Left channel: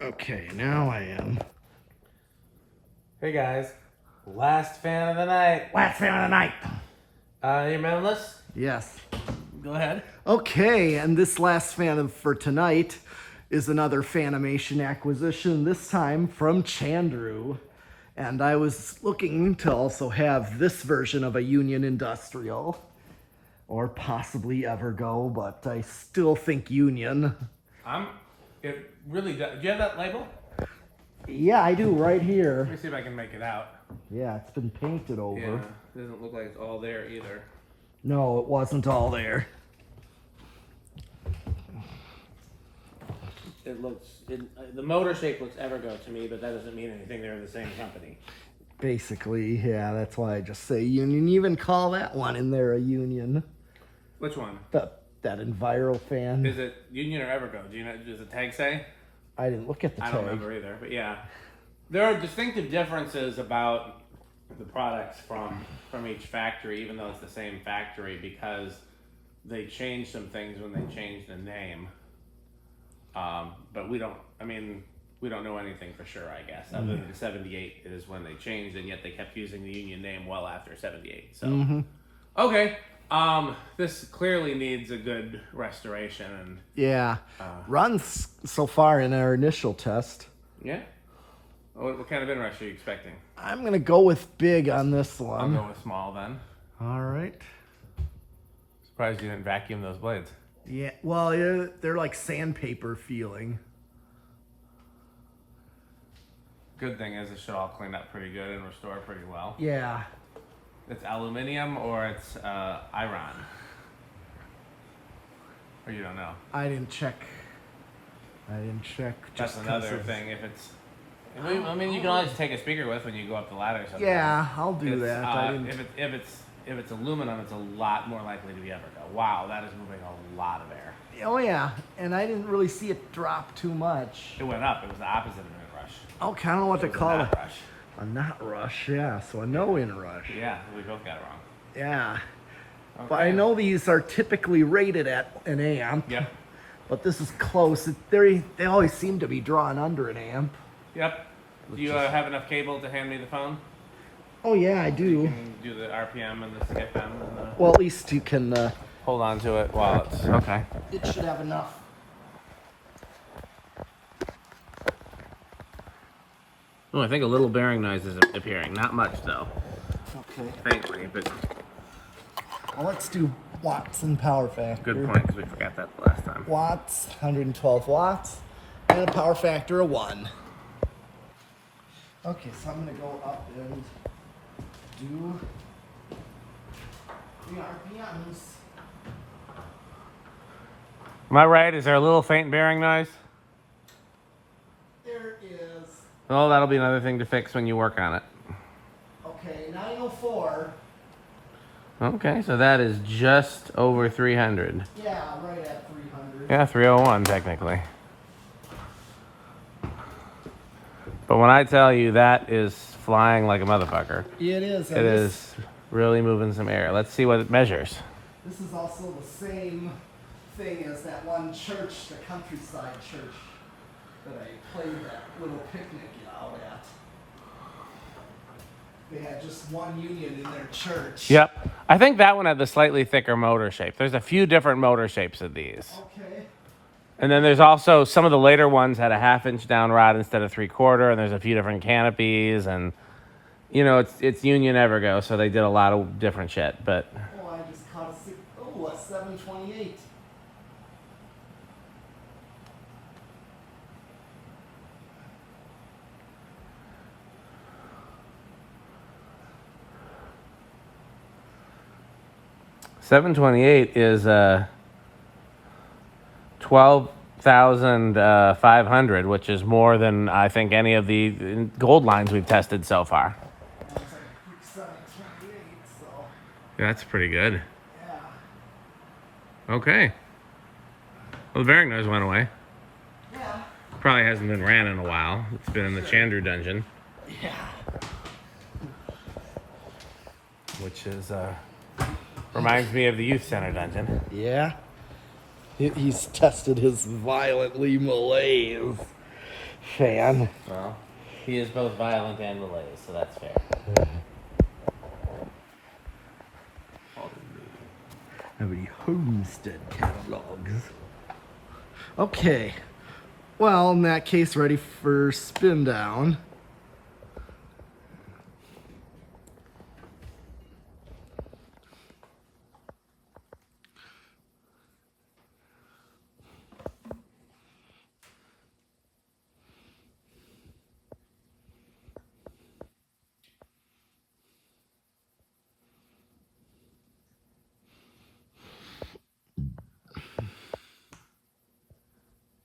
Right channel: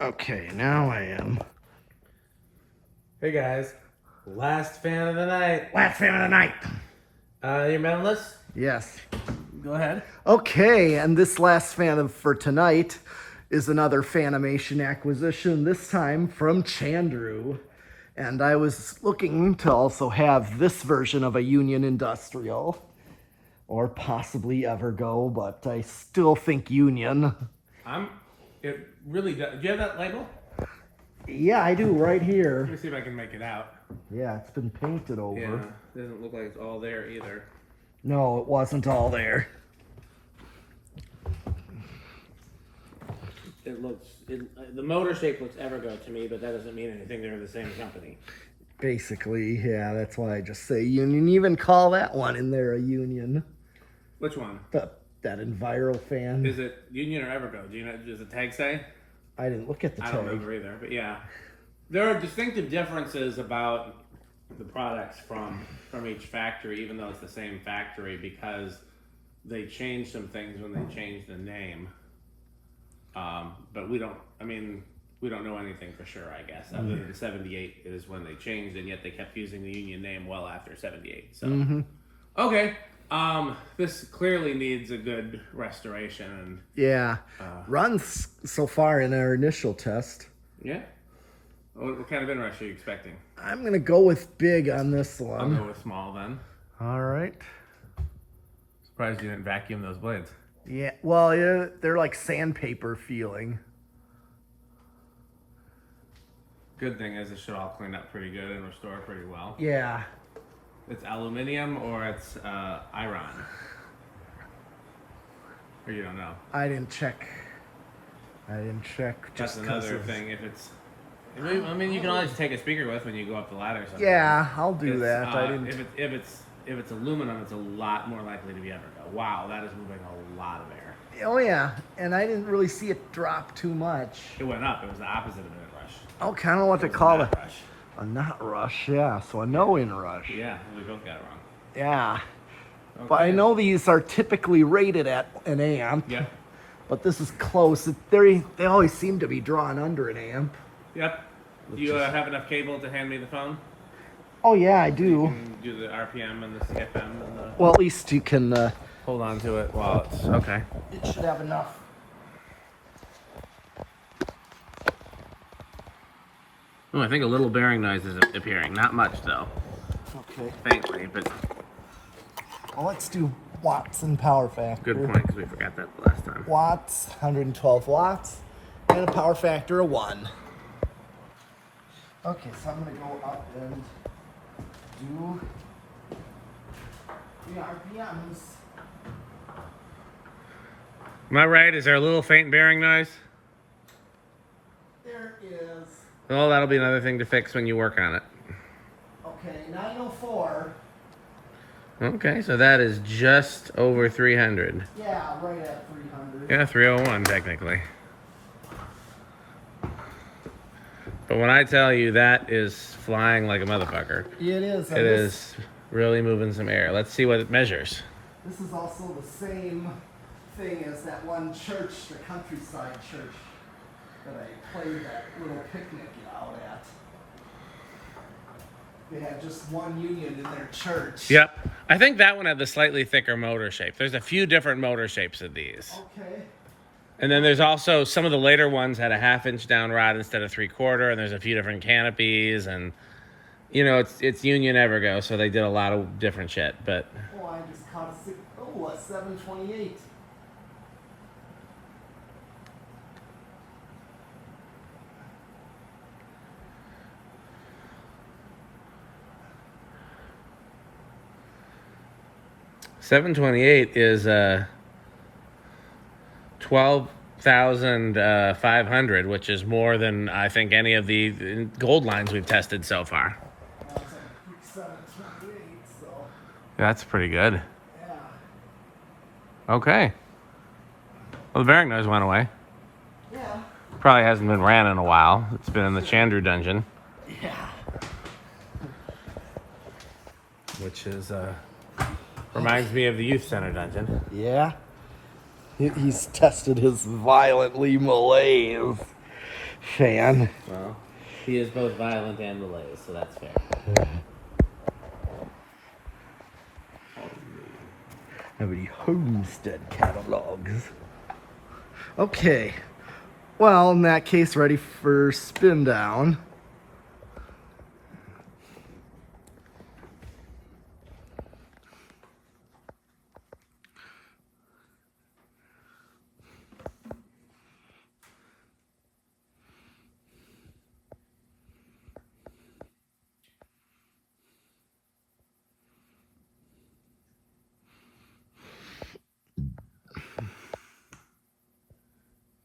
Okay, now I am. Hey guys, last fan of the night. Last fan of the night. You remember this? Yes. Go ahead. Okay, and this last for tonight is another Fanimation acquisition, this time from Chandru. And I was looking to also have this version of a Union Industrial, or possibly Evergo, but I still think Union. It really does. Do you have that label? Yeah, I do, right Let here. me see if I can make it out. Yeah, it's been painted over. Yeah, doesn't look like it's all there either. No, it wasn't all there. It looks, the motor shape looks Evergo to me, but that doesn't mean anything. They're the same company. Basically, yeah, that's why I just say Union. Even call that one in there a Union. Which one? That Enviro fan. Is it Union or Evergo? Do you know? Does the tag say? I didn't look at the tag. I don't remember either, but yeah. There are distinctive differences about the products from each factory, even though it's the same factory, because they changed some things when they changed the name. But we don't know anything for sure, I guess. Other than 78 is when they changed it, yet they kept using the Union name well after 78. So, okay. This clearly needs a good restoration. And, yeah. Runs so far in our initial test. Yeah. What kind of inrush are you expecting? I'm going to go with big on this one. I'll go with small then. All right. Surprised you didn't vacuum those blades. Yeah, well, yeah, they're like sandpaper feeling. Good thing is it should all clean up pretty good and restore pretty well. Yeah. It's aluminium or it's iron? Or you don't know? I didn't check. Just Just another thing. If it's, I mean, you can always take a speaker with when you go up the ladder. Sometimes. Yeah, I'll do that. I didn't. If it's aluminum, it's a lot more likely to be Evergo. Wow, that is moving a lot of air. Oh yeah, and I didn't really see it drop too much. It went up. It was the opposite of a rush. Oh, kind of what to call it. Rush. A not rush, yeah. So a no in rush. Yeah, we both got it wrong. Yeah. Okay. But I know these are typically rated at an amp. Yep. But this is close. They always seem to be drawn under an amp. Yep. Do you have enough cable to hand me the phone? Oh yeah, I do. You can do the RPM and the CFM and the... Well, at least you can... Hold on to it while it's... Okay. It should have enough. Oh, I think a little bearing noise is appearing. Not much, though. Okay. Faintly, but... Well, let's do watts and power factor. Good point, because we forgot that last time. Watts, 112 watts, and a power factor of 1. Okay, so I'm going to go up and do the RPMs. Am I right? Is there a little faint bearing noise? There is. Oh, that'll be another thing to fix when you work on it. Okay, 904. Okay, so that is just over 300. Yeah, right at 300. Yeah, 301 technically. But when I tell you that is flying like a motherfucker, It is. it is really moving some air. Let's see what it measures. This is also the same thing as that one church, the countryside church, that I played that little picnic out at. They had just one Union in their church. Yep. I think that one had the slightly thicker motor shape. There's a few different motor shapes of these. Okay. And then there's also some of the later ones had a 1/2-inch down rod instead of 3/4, and there's a few different canopies, and you know it's Union Evergo, so they did a lot of different shit. But Oh, I just caught a 728. $728 is 12,500, which is more than I think any of the gold lines we've tested so far. It's like a 728, so That's pretty good. yeah. Okay. Well, the bearing noise went away. Yeah. Probably hasn't been ran in a while. It's been in the Chandru dungeon. Yeah. Which is reminds me of the youth center dungeon. Yeah. He's tested his violently malaise. fan. Well, he is both violent and malaise, so that's fair. How many homestead catalogs? Okay. Well, in that case, ready for spin down.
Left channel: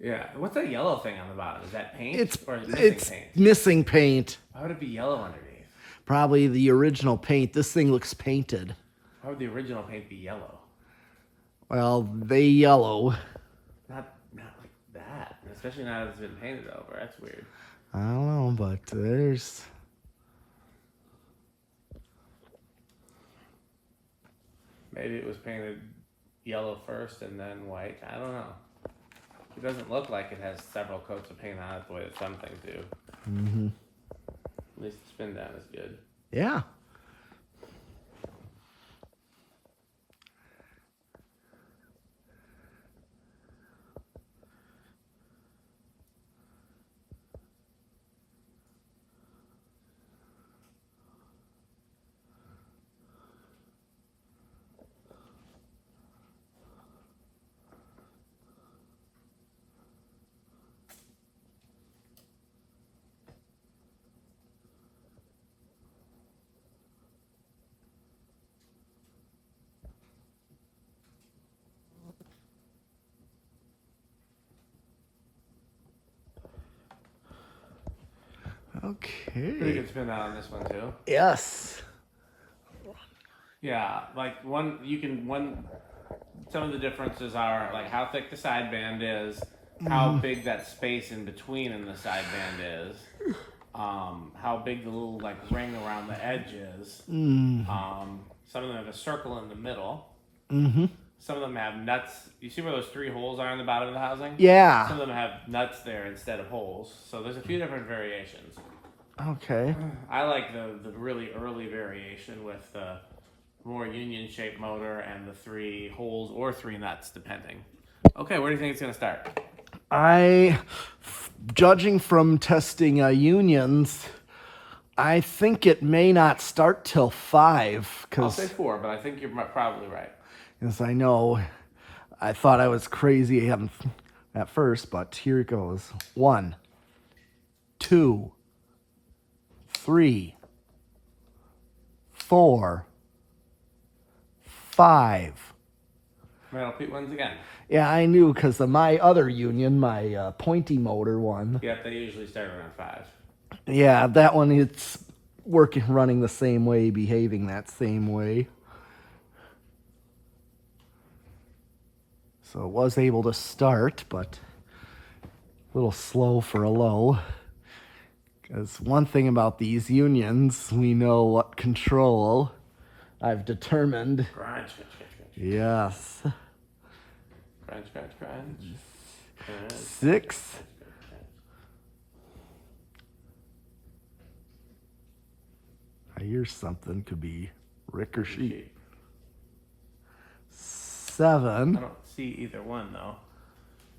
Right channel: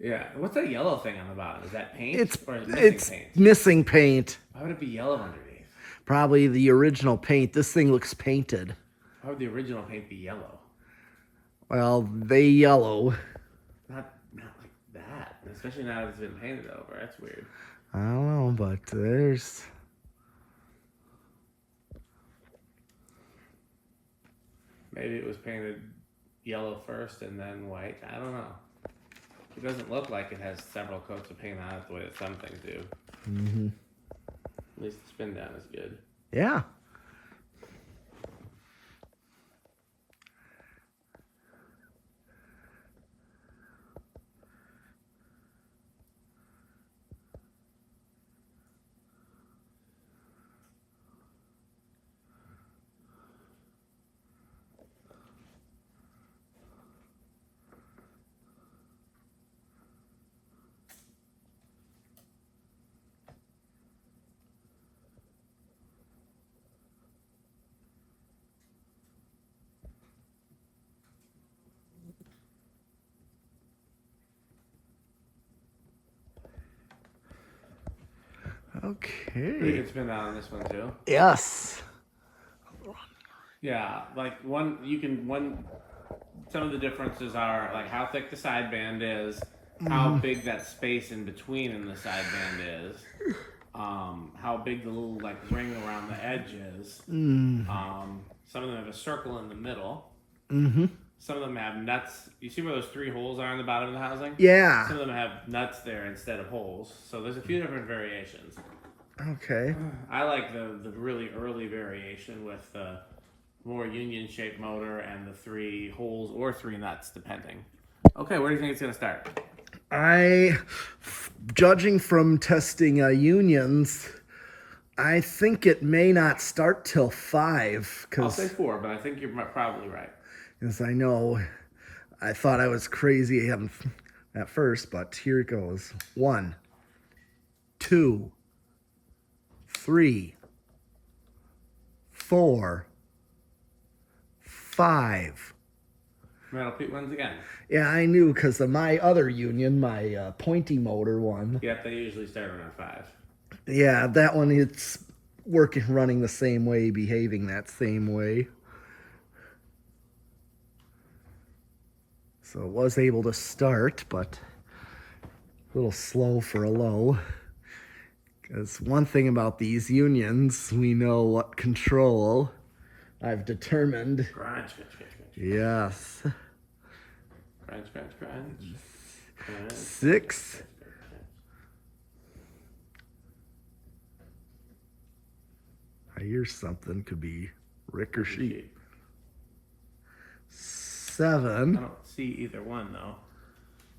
Yeah. What's that yellow thing on the bottom? Is that paint? It's or is it missing paint? missing paint. Why would it be yellow underneath? Probably the original paint. This thing looks painted. How would the original paint be yellow? Well, they yellow. Not like that. Especially now that it's been painted over. That's weird. I don't know, but there's... Maybe it was painted yellow first and then white. I don't know. It doesn't look like it has several coats of paint on it the way that some things do. Mm-hmm. At least the spin down is good. Yeah. You Okay. can spin down on this one too. Yes. Yeah, like some of the differences are like how thick the sideband is, how big that space in between in the sideband is, how big the little like ring around the edge is. Some of them have a circle in the middle. Mm-hmm. Some of them have nuts. You see where those 3 holes are in the bottom of the housing? Yeah. Some of them have nuts there instead of holes. So there's a few different variations. Okay. I like the really early variation with the more union-shaped motor and the 3 holes or 3 nuts, depending. Okay, where do you think it's going to start? Judging from testing unions, I think it may not start till 5. I'll say 4, but I think you're probably right. Yes, I know. I thought I was crazy at first, but here it goes. 1, 2, 3, 4, 5. Well, I'll repeat ones again. Yeah, I knew because of my other union, my pointy motor one. Yeah, they usually start around 5. Yeah, that one, it's running the same way, behaving that same way. So it was able to start, but a little slow for a low. Because one thing about these unions, we know what control I've determined. Crunch. Yes. Crunch. 6. I hear something. Could be Rick or Sheep. 7. I don't see either one, though.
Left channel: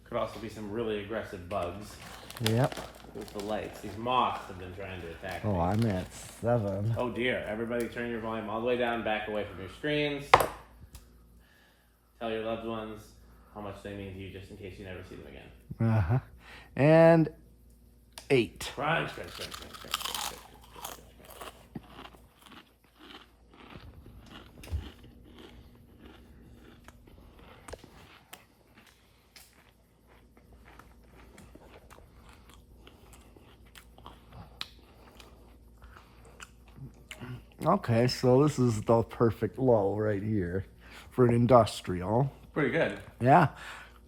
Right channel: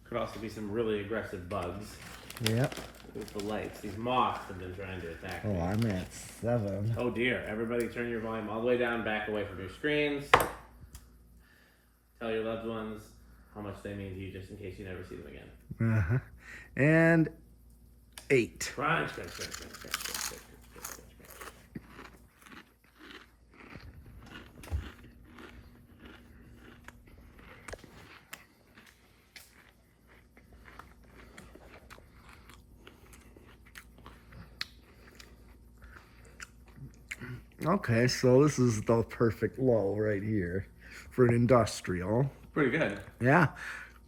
Could also be some really aggressive bugs. Yep. With the lights. These moths have been trying to attack me. Oh, I'm at 7. Oh dear. Everybody turn your volume all the way down, back away from your screens. Tell your loved ones how much they mean to you just in case you never see them again. Uh-huh. And 8. Crunch. Okay, so this is the perfect low right here for an industrial. Pretty good. Yeah,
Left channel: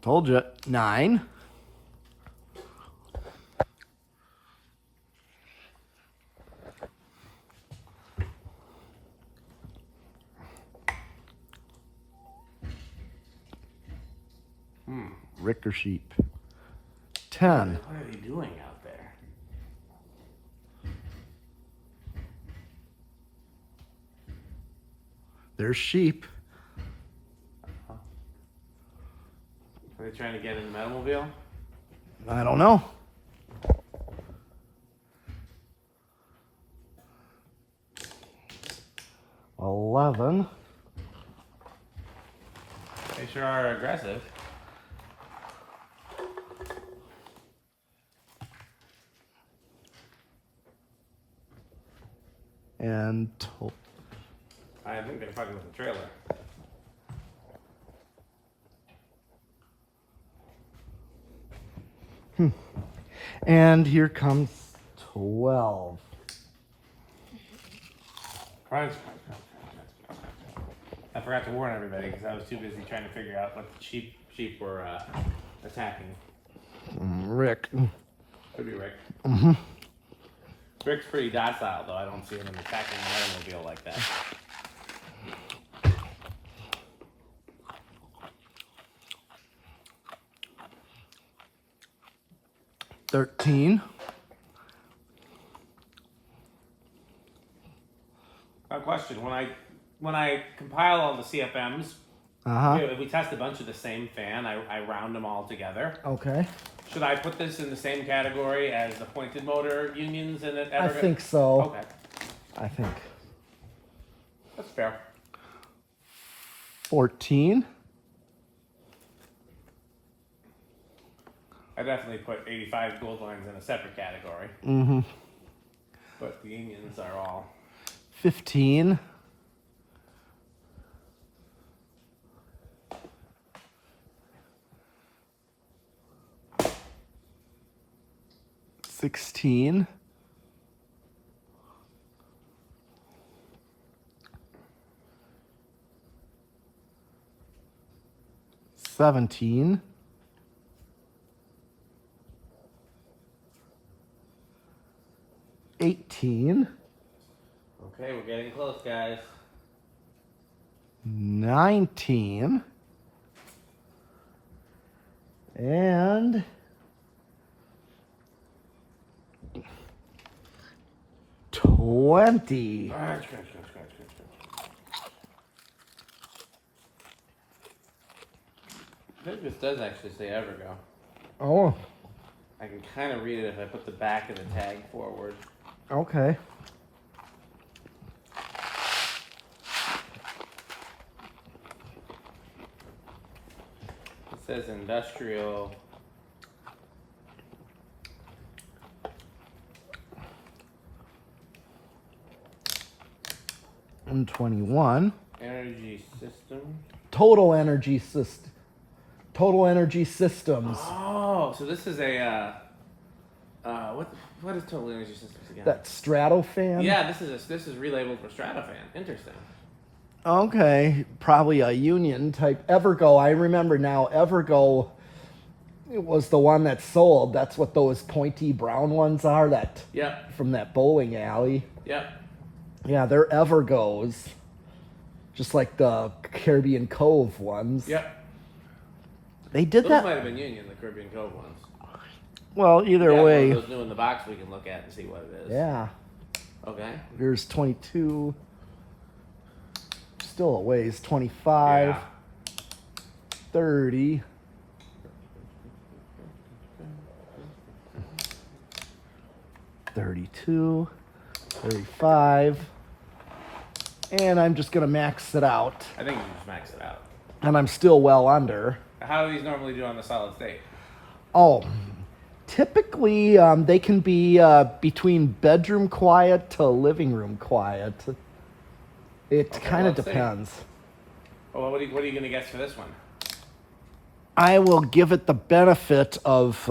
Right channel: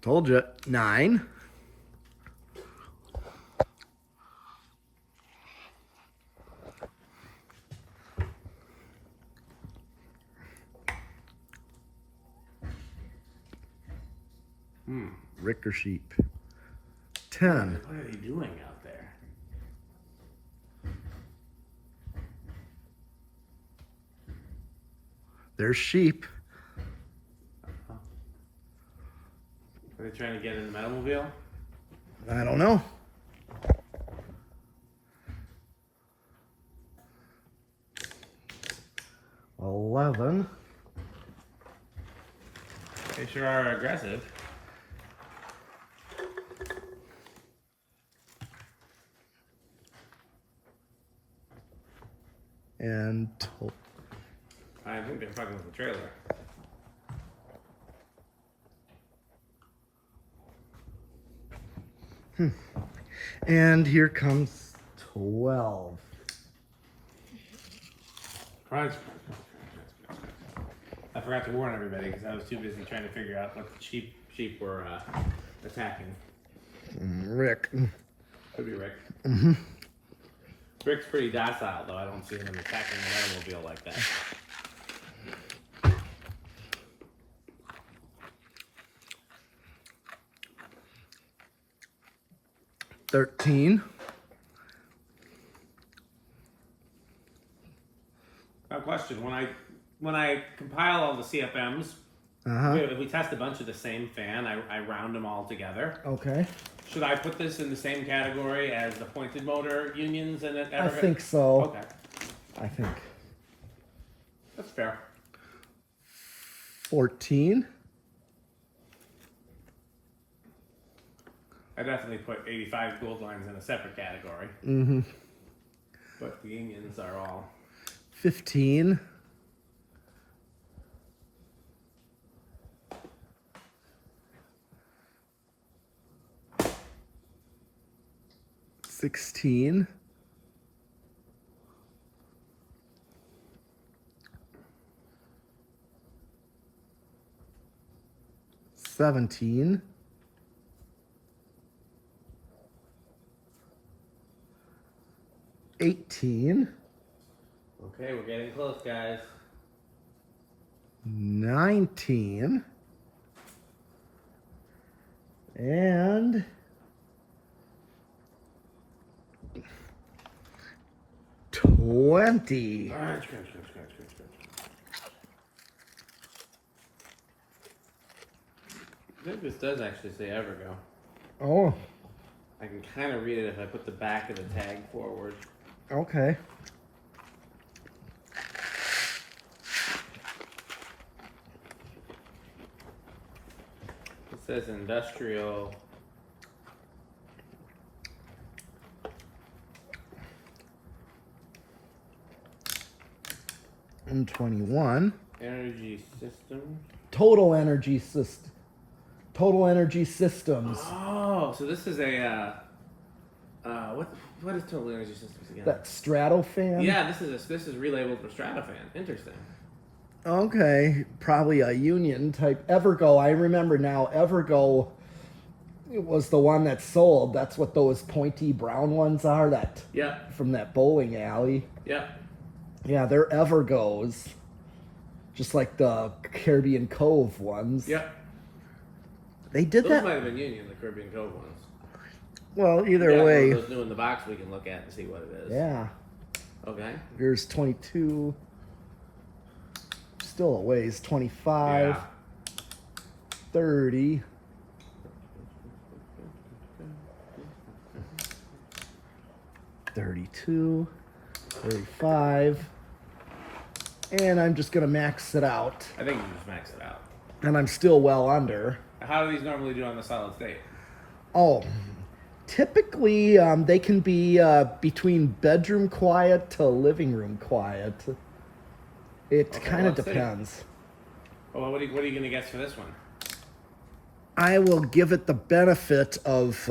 told you. 9. Rick or Sheep. 10. What are they doing out there? There's sheep. Are they trying to get in the Metalmobile? I don't know. $11. They sure are aggressive. And I think they're fucking with the trailer. And here comes 12. Price. I forgot to warn everybody because I was too busy trying to figure out what the sheep were attacking. Rick. Could be Rick. Rick's pretty docile, though. I don't see him attacking the automobile like that. $13. My question: when I compile all the CFMs, if we test a bunch of the same fan, I round them all together. Okay. Should I put this in the same category as the pointed motor unions in it? I think so. Okay, I think. that's fair. 14. I definitely put 85 gold lines in a separate category. But the unions are all 15. 16. 17. 18. okay. We're getting close, guys. 19. And 20. I think this does actually say Evergo. Oh, I can kind of read it if I put the back of the tag forward. okay. It says industrial. And 21. Energy system. Total Energy System. Total Energy Systems. Oh, so this is a what is Total Energy Systems again? That Stratofan? Yeah, this is relabeled for Stratofan. Interesting. Okay, probably a union type. Evergo, I remember now. Evergo, it was the one that sold. That's what those pointy brown ones are. That Yep. from that bowling alley. Yep. Yeah, they're Evergos, just like the Caribbean Cove ones. Yep. They did Those that. might have been Union, the Caribbean Cove ones. Well, either Yeah, way. those new in the box we can look at and see what it is. Yeah. Okay. Here's 22. Still a ways. 25. Yeah. 30. 32. 35. And I'm just going to max it out. I think you just maxed it out. And I'm still well under. How do these normally do on the solid state? Oh, typically they can be between bedroom quiet to living room quiet. It kind of let's see. depends. Well, what are you going to guess for this one? I will give it the benefit of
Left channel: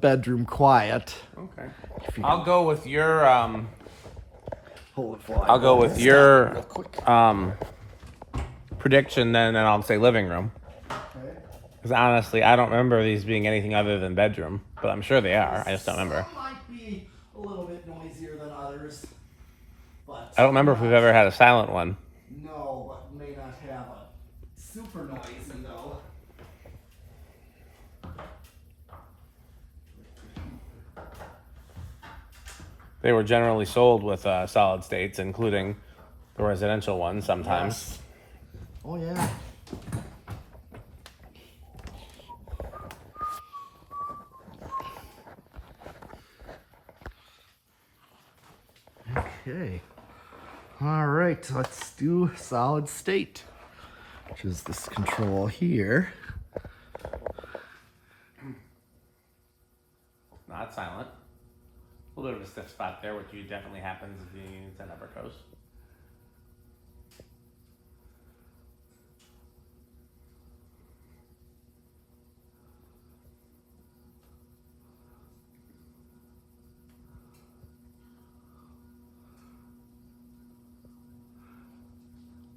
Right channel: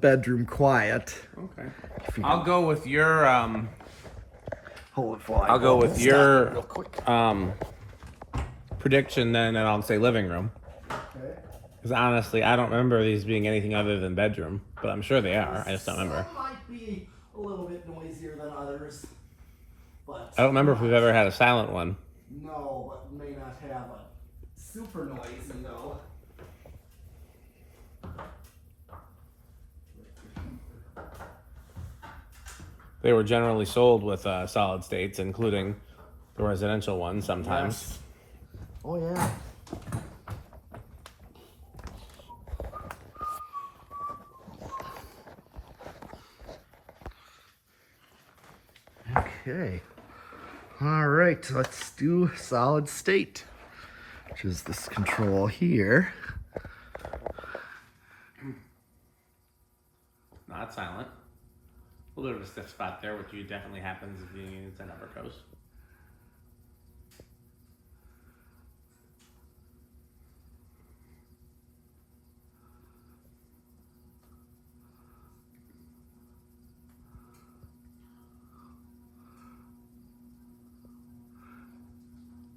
bedroom quiet. Okay. I'll go with your Hold it I'll go with your prediction then, and I'll say living room. Okay. Because honestly, I don't remember these being anything other than bedroom, but I'm sure they are. I just don't remember. Some might be a little bit noisier than others, but I don't remember if we've ever had a silent one. no, but may not have a super noisy though. they were generally sold with solid states, including the residential ones sometimes. Yes. Oh, yeah. Okay. All right, let's do solid state, which is this control here. Not silent. A little bit of a stiff spot there, which definitely happens if you use an upper coast.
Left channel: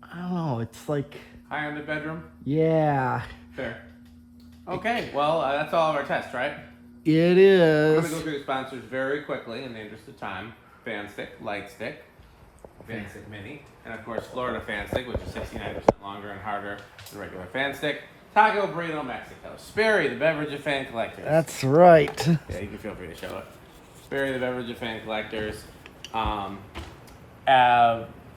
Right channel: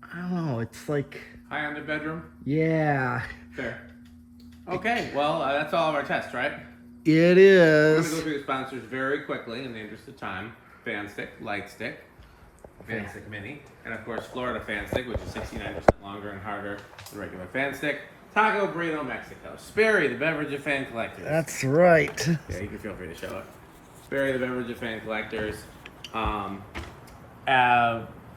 I don't know, it's like, Higher in the bedroom? yeah, Fair. Okay, well, that's all of our tests, right? it We're going to go is. through the sponsors very quickly in the interest of time. Fan Stick, Light Stick, Fan Stick Mini, and of course Florida Fan Stick, which is 69% longer and harder than regular Fan Stick. Taco Burrito Mexico. Sperry, the beverage of fan collectors. That's right. Yeah, you can feel free to show it. Sperry, the beverage of fan collectors.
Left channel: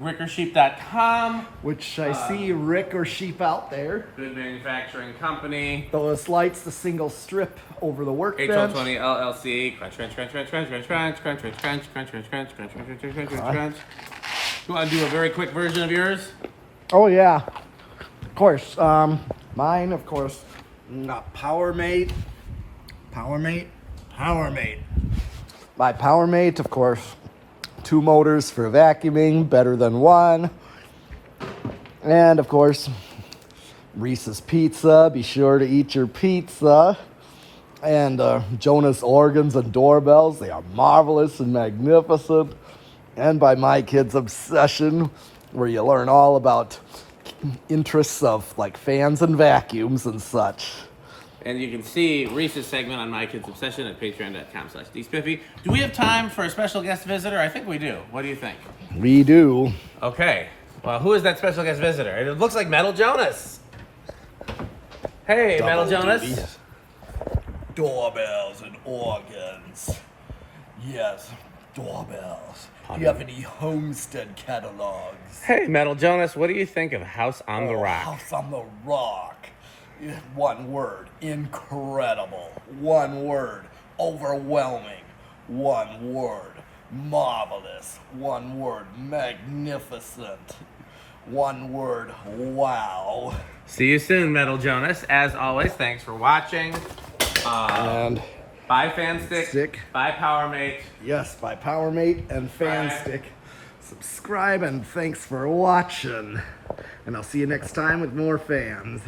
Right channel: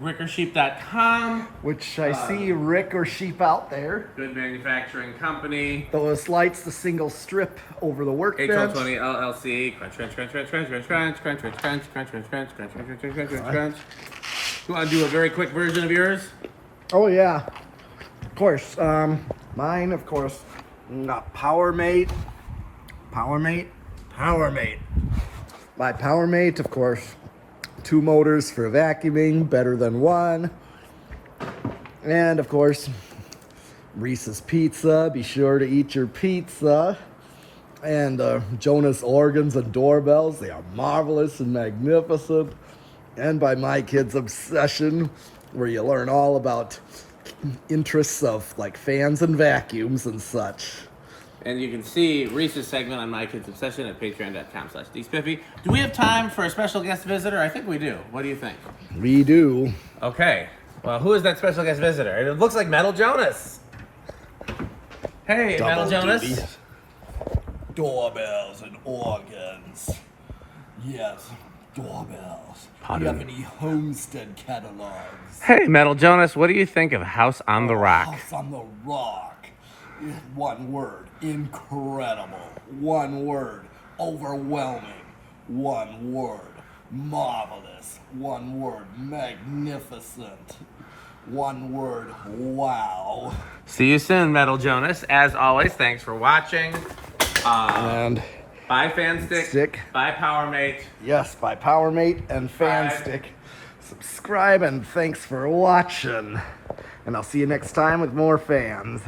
RickerSheep.com. Which I see Rick or Sheep out there. Good manufacturing company. Those lights, the single strip over the workbench. HL20 LLC. Crunch, crunch, crunch, crunch, crunch, crunch, crunch, crunch, crunch, crunch, crunch, crunch, crunch, crunch, crunch, crunch, crunch, crunch, crunch. You want to do a very quick version of yours? Oh yeah, of course. Mine, of course, PowerMate. My PowerMate, of course, 2 motors for vacuuming, better than 1. And of course, Reese's Pizza. Be sure to eat your pizza. And Jonas organs and doorbells. They are marvelous and magnificent. And by my kids' obsession, where you learn all about interests of like fans and vacuums and such. And you can see Reese's segment on My Kids Obsession at patreon.com/dspiffy. Do we have time for a special guest visitor? I think we do. What do you think? We do. Okay. Well, who is that special guest visitor? It looks like Metal Jonas. Hey, Metal Jonas. Doorbells and organs. Yes, doorbells. Do you have any Homestead catalogs? Hey, Metal Jonas, what do you think of House on the Rock? House on the Rock. 1 word, incredible. 1 word, overwhelming. 1 word, marvelous. 1 word, magnificent. 1 word, wow. See you soon, Metal Jonas. As always, thanks for watching. And Buy Fan Stick. Buy PowerMate. yes, by PowerMate and FanStick. Subscribe and thanks for watching. And I'll see you next time with more fans.